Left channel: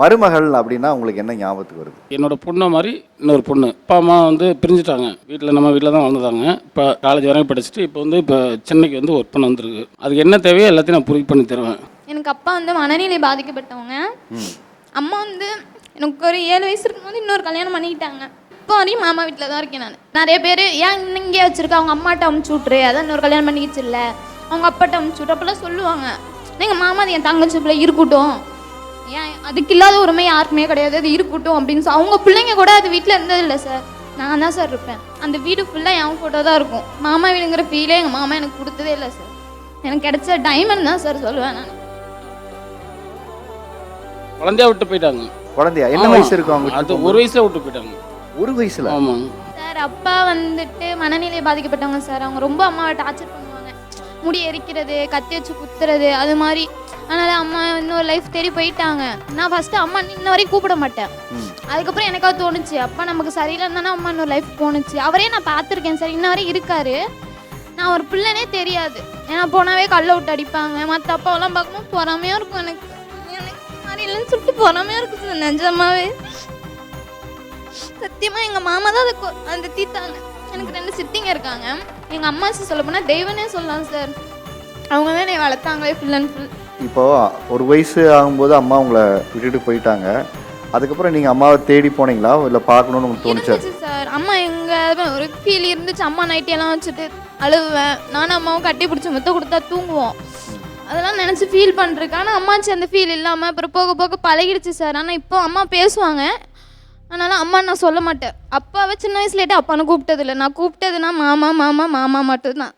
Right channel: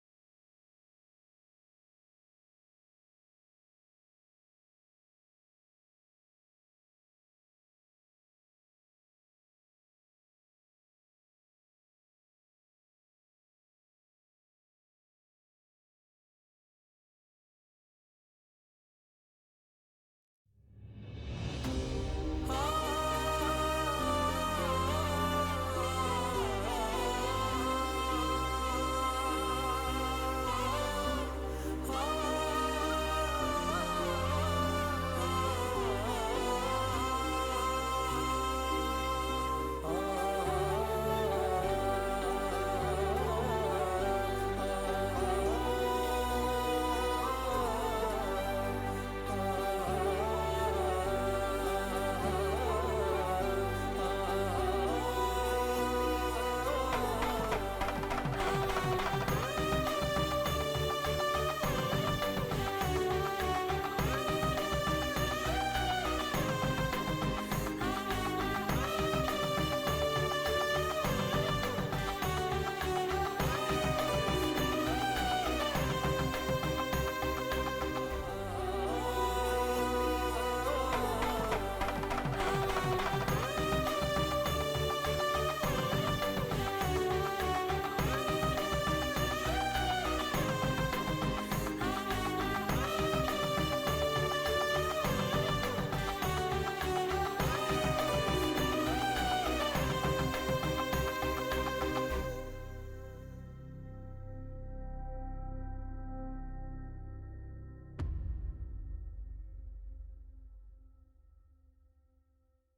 மருமகள் அப்படின்னா உங்களுக்கு என்ன ஞாபகத்துக்கு வருது? என்னோட பொண்ணை மாதிரி இன்னொரு பொண்ணு. அப்பா அம்மா வந்து பிரிஞ்சுட்டாங்க. வீட்டில் நம்ம வீட்டில் தான் வாழ்ந்துட்டாங்க இப்போ காலேஜ் வரைக்கும் படிச்சுட்டு இப்போ வந்து இப்போ சென்னைக்கு வந்து ஒர்க் பண்ண வந்திருக்கு. அதுக்கு என்ன தேவையோ எல்லாத்தையும் நான் பூர்த்தி பண்ணி தருவேன். எனக்கு அப்பா வந்து மனநிலை பாதிக்கப்பட்டவங்க. அம்மா வந்து எனக்கு ஒரு ஏழு வயசு இருக்கும்போது இன்னொரு கல்யாணம் பண்ணிக்கிட்டாங்க. இப்போ வரையும் மாமா வீட்டில் தான் இருக்கேன் நான். நிறைய பேர் ஏன் இங்கே வச்சிருக்க? அவங்க அம்மாட்ட அமுச்சு விட்ரு அதான் இன்னொரு கல்யாணம் பண்ணிக்கிச்சு இல்லை. அவங்க அப்பாட்ட அமுச்சு விட்ரு அப்பெல்லாம் சொல்லுவாங்க. எங்கள் மாமா அது என் தங்கச்சி பிள்ளை இருக்கட்டும். அதுக்கு இல்லாத உரிமை யாருக்குமே கிடையாது. அது இருக்கட்டும் அப்படின்னு சொல்லி அவங்க பிள்ளைங்க கூட அது வீட்டில் இருந்தது இல்லை சார் நான் தான் சார் இருப்பேன். அந்த வீடு ஃபுல்லாக என் ஃபோட்டோ தான் இருக்கும். மாமா வீடுங்கிற ஃபீலே எங்கள் மாமா எனக்கு கொடுத்ததே இல்லை சார் எனக்கு கிடைச்ச டைமண்ட் தான் சார் சொல்லுவேன் நான். குழந்தையா விட்டு போயிட்டாங்க. குழந்தையா? என்ன ஆமா. வயசு இருக்கும் அது அவங்க ஒரு வயசுல விட்டு போயிட்டாங்க. ஒரு வயசுல? ஆமாம் சார் அப்பா வந்துட்டு மனநிலை பாதிக்கப்பட்டவங்க சார் அவங்க ரொம்ப அம்மாவை டார்ச்சர் பண்ணுவாங்க முடி எரிக்கிறது கத்தி வச்சு குத்துறது அது மாதிரி. அதனால அம்மா இன்னொரு லைஃப் தேடி போயிட்டாங்க. நான் ஃபர்ஸ்ட் அம்மா இன்ன வரைக்கும் கூப்பிட மாட்டேன். அதுக்கப்புறம் எனக்காவது தோணுச்சு. அப்பா நமக்கு சரியில்லைன்னு தானே அம்மா இன்னொரு லைஃப் போணுச்சு. அவரே நான் பார்த்துருக்கேன். சார் இன்ன வரை இருக்காரு. நான் ஒரு பிள்ளைனே தெரியாது. ஏன்னா போனாவே கல்ல விட்டு அடிப்பாங்க. மற்ற அப்பாவெல்லாம் பார்க்கும்போது பொறாமையாக இருக்கும் எனக்கு. எனக்கு மாதிரி இல்லைன்னு சொல்லிட்டு பொறாமையாக இருக்கும். நிஜமாவே சத்தியமா எங்க மாமா தான் அதை அந்த தீத்தாங்க. சித்திங்க இருக்காங்க. எங்க அம்மா சொல்ல போனா தெய்வனே சொல்லலாம் சார் அவங்க தான் என்னை வளர்த்தாங்களே ஃபுல் அண்ட் ஃபுல் இப்போ ஒரு வயசு ஆகும்போது அம்மா உங்களை விட்டுட்டு போயிட்டாங்க. அதுக்கப்புறம் நீங்க அம்மாவை தேடி போனீங்களா? இல்ல பார்க்கணும்னு உங்களுக்கு தோணுச்சா? சார் அம்மா எங்க ஒரு ஃபீல் இருந்துச்சு. அம்மா நைட்டி எல்லாம் வச்சுட்டு அழுவேன். நானும் அம்மாவும் கட்டி பிடிச்சி முத்த கொடுத்தா தூங்குவோம். அதெல்லாம் நினச்சி ஃபீல் பண்ணிருக்கேன் ஆனால் அம்மாச்சி அந்த ஃபீல் இல்லாமல் அப்புறம் போக போக பழகிடுச்சு சார் ஆனால் இப்போ அம்மா பேசுவாங்க. அதனால அம்மா நான் சொல்ல மாட்டேன். அப்பாவை சின்ன வயசுலேட்டு அப்பான்னு கூப்பிட்டதில்ல. நான் கூப்பிட்டதுன்னா மாமா மாமா மாமா மட்டும்தான்.